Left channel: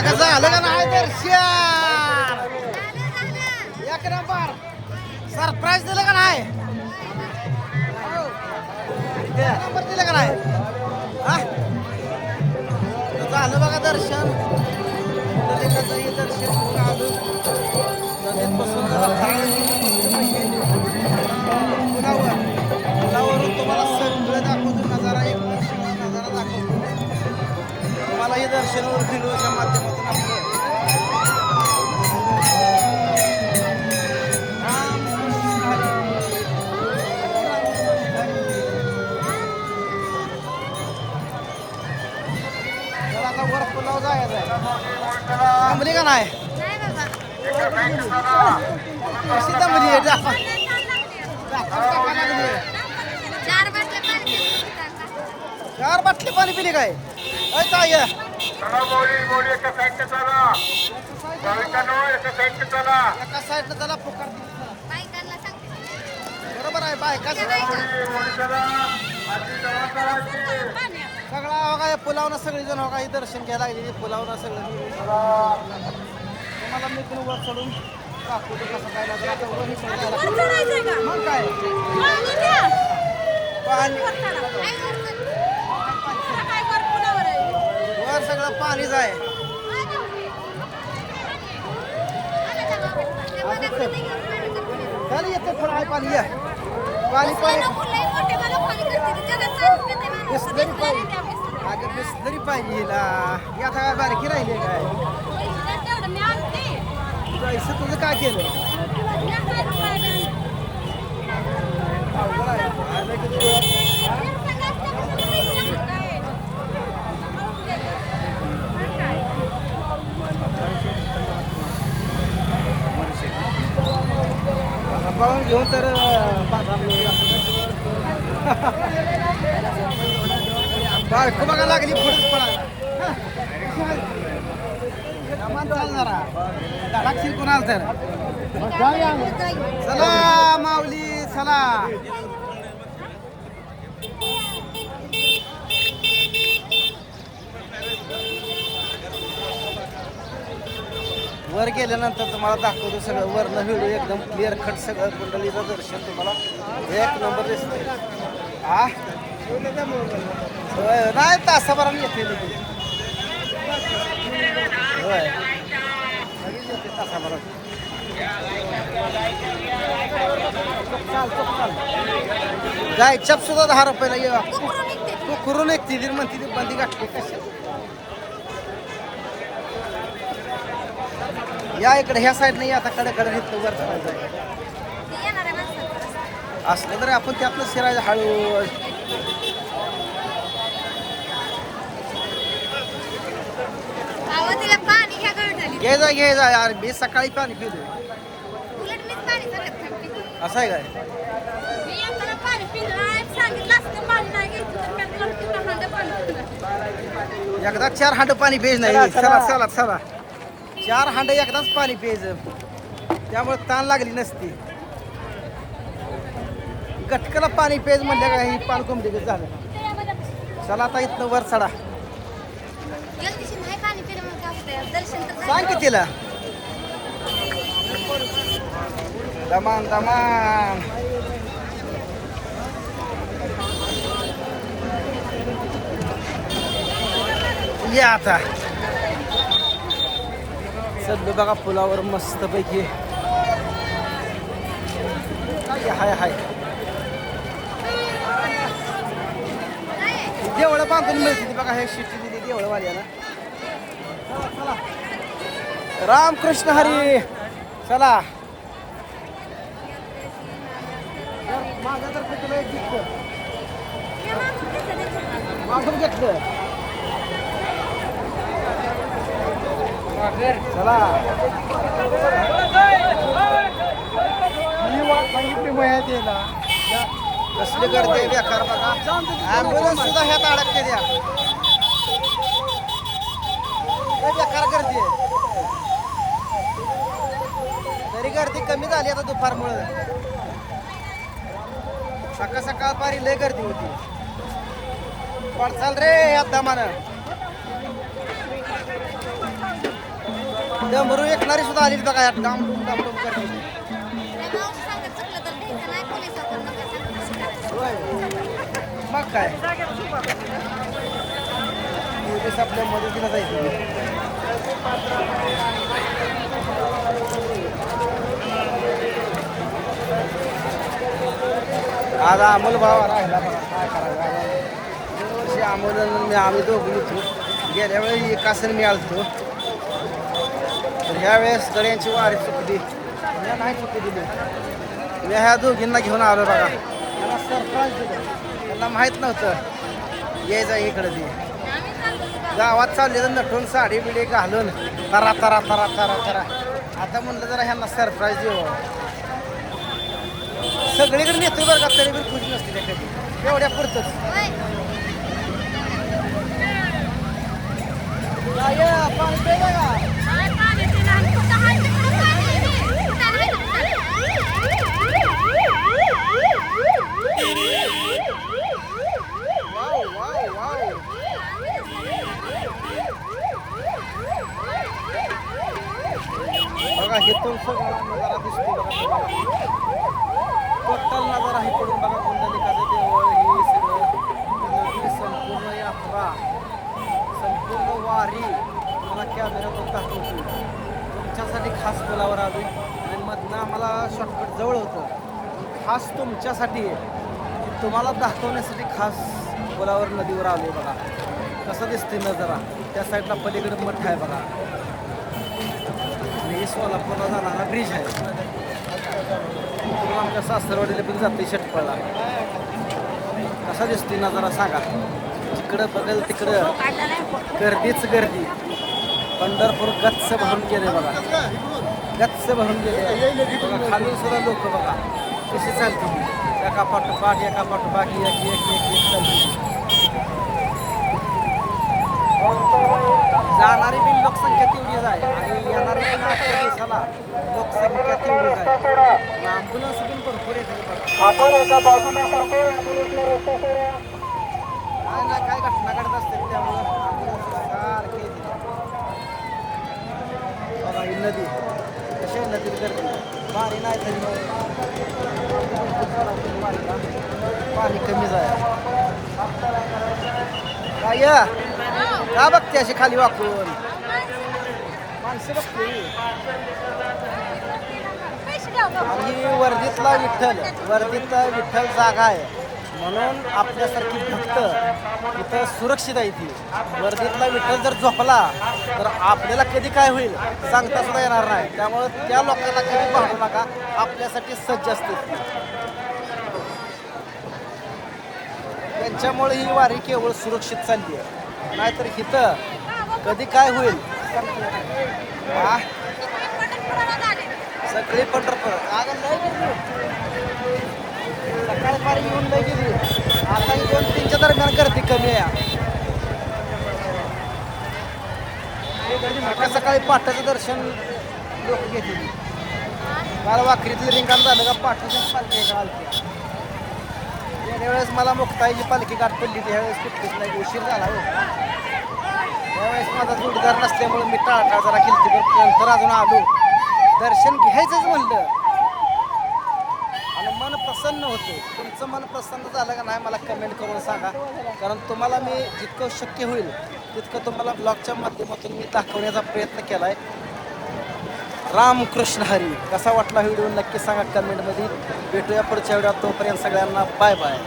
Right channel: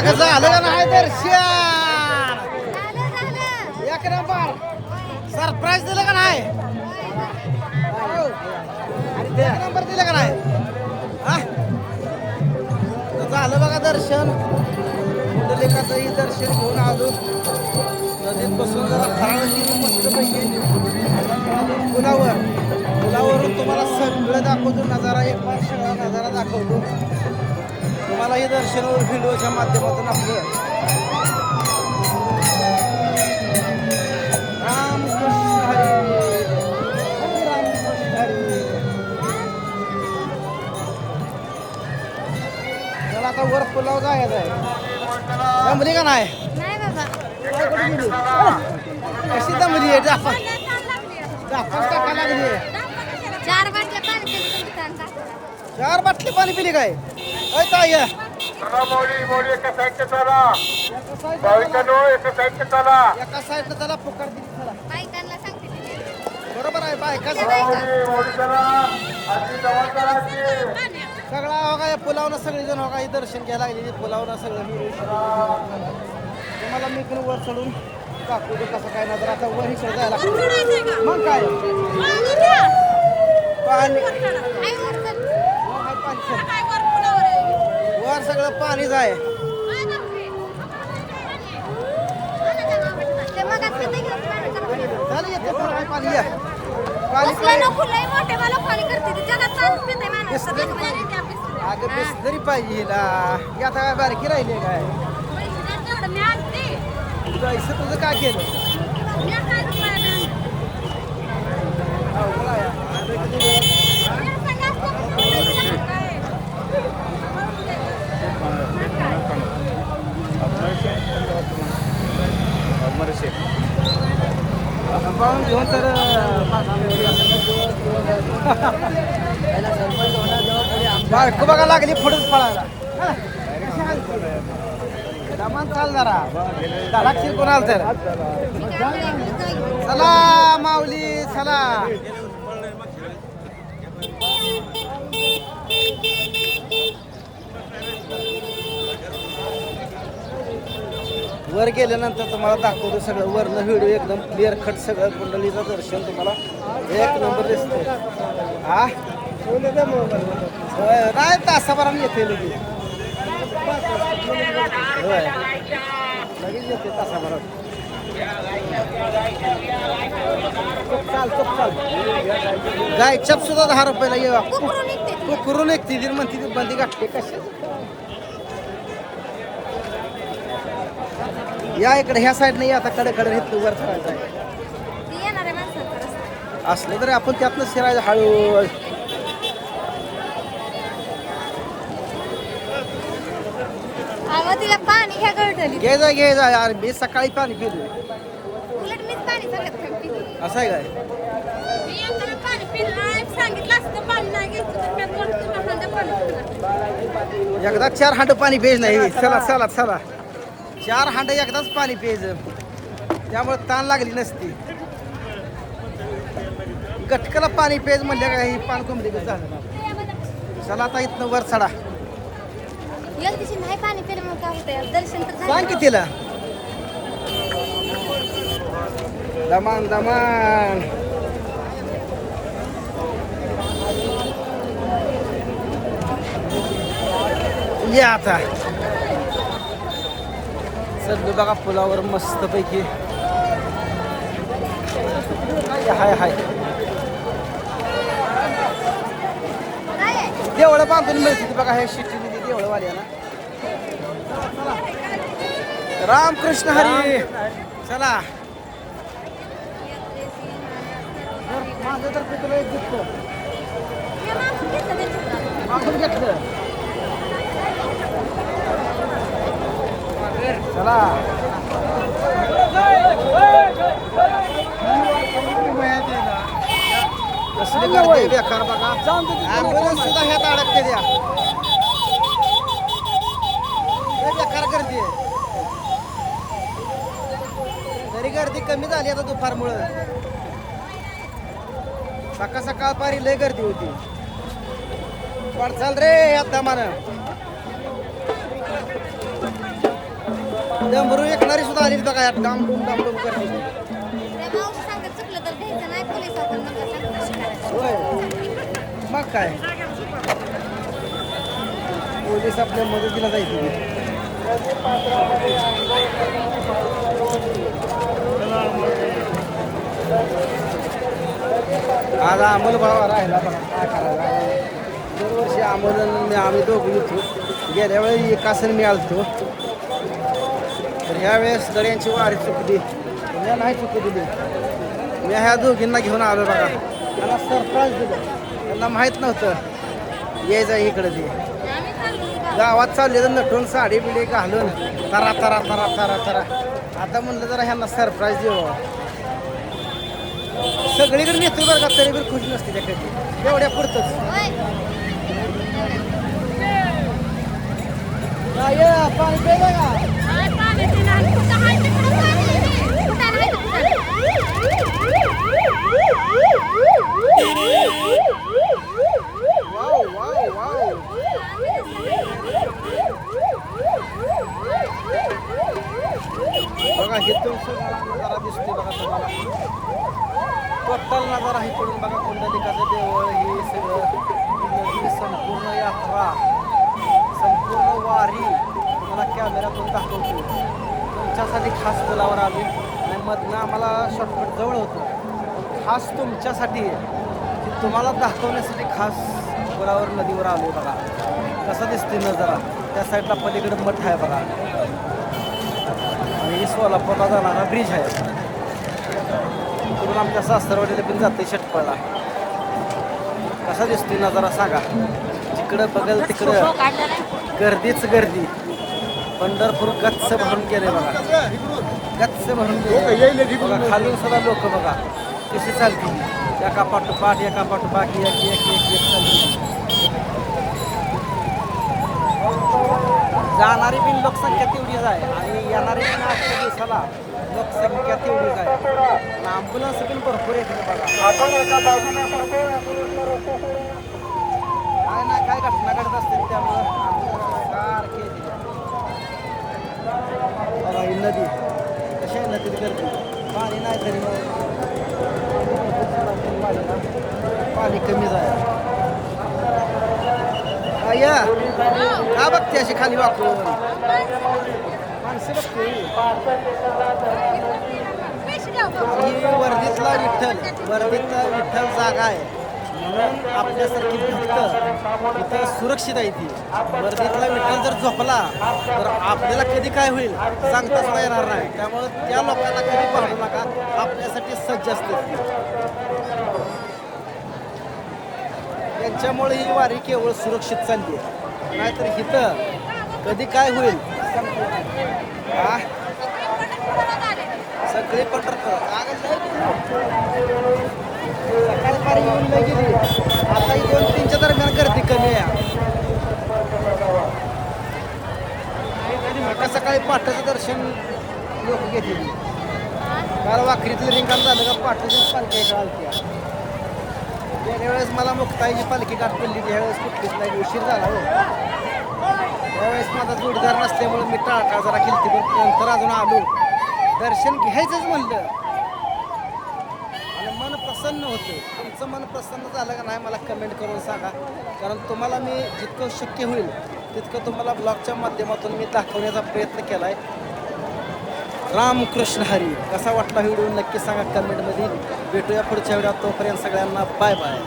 कसं आलं का नाही दर्शन एक नंबर सरप्राईज दिलं का नाही एक नंबर दिलं का नाही झालं बघा दर्शन पुंडलिकाचंही दर्शन घेऊन आलो नदीत बसून जरा फराळ केली मस्तपैकी आता निघालो पुलावरून तुम्हाला सगळं दाखवतो नजारा एक बार सगळा नजारा दाखवतो तुम्हाला हे दर्शनावर व्हिडिओच्या माध्यमातून आपलं रामकृष्ण हरी रामकृष्ण हरी. चला आता वर पुलाव जायचं आहे जमली का नाही कशी जमली आहे जापा टाका लागली 4 बाटली पाणी पिली काय ताई एका साईडला त्याला पुकार दिली चला बरोबर आहे बायका सगळा हो काय पुलावनं सगळेजण हो काय दर्शन घ्यायला लागले पुलावनं सगळं तुम्हाला मी पण वर चढून दाखवतो कसं काय ना तर आता वर ही जायला मग काय पाणी वर सगळं पाणीच आहे चल येते पुढं आहे पाणी या पाणी अगं बिसलरी पाहिजे हिला आता काय बारकी राहिली काय जायचं तुझं काय केलं अवघड आहे पाहून घेऊन तर बाळकू बघा लागली पुढेच पळायला सामान चालणारा धडाक्षीर कोणाल तर चला माऊली चला वर गेल्यानंतर तुम्हाला दाखवतो सगळं वरनं व्हिडिओ एकदम क्लिअर कट सगळं कुंडलीचं दर्शन तुम्हाला एक नंबर दिसते हा नाही तासाभराने येते लगेच होय लगेच येते तासाभरात चाल गाय चप सुद्धा 10 रुपयाला ये तू करून एक ती म्हणती ती बंदी गाठली कशा या इकडे ह्या साईड नाही आता कडे इथलं वर चढायचं आहे असलं तरी आपण त्यातनं शिरायचं हळू घे जा यार मी सकाळी पाणी पिलोय असं आहे काय एकदा 4 हांड पाणी पेज नाही चला 4 हांड एकदाच पाणी प्यायचं त्यामुळे ताण लागली नसती गटकाला पाणी पेज म्हणलं काय ही पान कोंबडी झालं चला आता इथनं वर चढा सांग की तिला दमान या आता चढलो बघा पुलावर मस्त पैकी हाय देवळं बांधून मिळते बघा हे शिट्टी दिली देवळवाल्याला चला रामकृष्ण हरी चला माझं तर तुला एक दिसतं मागून घेतलं चला कसली गर्दी आहे बेकार बघा ॲम्ब्युलन्स सुद्धा ह्यात अडकते द्या बेकार गर्दी आहे तरी गर्दी कमी झाली आता दुपारमुळं सकाळ पारी लय गर्दी होती पडचाल रे या दमानं डमरू ऐकणारी सुद्धा आली बघा डामडूम डामडूम करते होय मग काय पोलीस आपल्या मदतीला जायचे आज अमोल भावा राहिला बघा काय करायचं दरवर्षी अमोल आम्ही दोघं येतो गेल्या वेळी एकासन मी आलतो तर ह्या वेळेस गड्यांची वारी चुकली मी नाही चुकू दिली मी ह्या दोघींना घेऊन आलो बघा त्यांना सरप्राईज दिलं त्यांना माहीत नव्हतं यायचं इकडं ते गावात चाललेलं नटून साडी बिडी घालून तरा तरा तरा तरा तरा आता म्हणलं जरा ह्यांना सरप्राईज देऊ सगळीकडे नेतो बरं का तरी बी खुश नसते त्या कधी एवढ्या पुरतच पाणी प्यायला का वाव वाव वाव बघा इथून सगळा नजारा दिसतोय बघा तुम्हाला टोटल नजारा इकडून बघा कुंडलिकाचं देवळ हे सगळं नदी संपूर्ण यात्रा संपूर्ण वारी तुम्हाला कॅमेऱ्यातून दाखवतो तुमच्यासाठी खास पुलावर आली आणि मधनं आम्हाला शॉर्टकट जवळ होतं पण खास तुमच्यासाठी की तुम्हाला दाखवण्यासाठी खास पुलावर नदीवर आलो बघा कसं दिसते नजारा त्या साईडला पलीकडे मठ आहे बघा आणि सोलापूरला जाणारा ब्रिज आहे इकडून आमच्या सासरवाडीला पण जाते षटपळला कसा दिसते नजारा सांगा जिकडं बघल तिकडं गर्दीच गर्दी पंढरपूर गच्च भरून गेले बघा गच्च भरून गेले बघा खालून सुद्धा लोक बघा कशी चालतील एका पाठोपाठ एक एक एक एक चालतील जाणारी बिन लोकसंख्या तेवढीच आहे आणि येणारी बिन आजच्या दिवसाला लोकसंख्या तेवढीच आहे आणि ॲम्ब्युलन्स पण भरपूर येते बघा काय ना काय घटना घडत असते त्यामुळं ॲम्ब्युलन्स सारखे येते बघा ही नदी कशी आहे नदीत गर्दी पाणी नाही तरी वारीला पाणी कमी जाय काय का बघते अशी खाली वाकून माणसं बघते ही वर्धीतला विठ्ठल जागा आहे म्हणून आपल्यासारखी भक्त इथं सुरक्षित आहे ती वर्धीतला विठ्ठल जर झोपला तर आपल्याला कधी काय होईल सांगता सुद्धा येणार नाही त्यामुळं त्या लोकांना कधी पाहू नका आपल्यासाठी सज्ज असते त्यांच्यामुळे ही वारी केवळ सुरक्षित चालली आहे नाहीतर इथं कधी काय होईल हा सगळी पंढरपूर सकाळी पारी येऊन लय गेली आता ही 2-3च्या दरम्यान गर्दी कमी आहे सकाळी पाठाचं दर्शन लोक घेतली काल वाखरीतलं रिंगण झालं का पाठाचं पालखी इकडं आलती गेल्या वेळेस मला मुक्ताईची पालखी गाठ पडली ती ह्यावेळेस कुठलीच नाही उशीर झाला हो त्यावेळेस माझा जोडीदार नसल्यामुळे मी टाळटा जरा केलती पण नंतर अजून आलो दर्शन घ्यायचंच म्हणलं आणि मन प्रसन्न होते तुमचं मन प्रसन्न झालं का नाही मला कमेंट करून सांगा कारण तुम्हाला मी जितकं शक्य होईल तितकं तुम्हाला ब्लॉगच्या माध्यमातून मी दाखवण्याचा प्रयत्न केला आहे रामकृष्ण हरी कसा वाटला व्हिडिओ नक्की सांगा कमेंटमध्ये भेटूया पुढच्या व्हिडिओत तोपर्यंत सगळ्यांना बाय बाय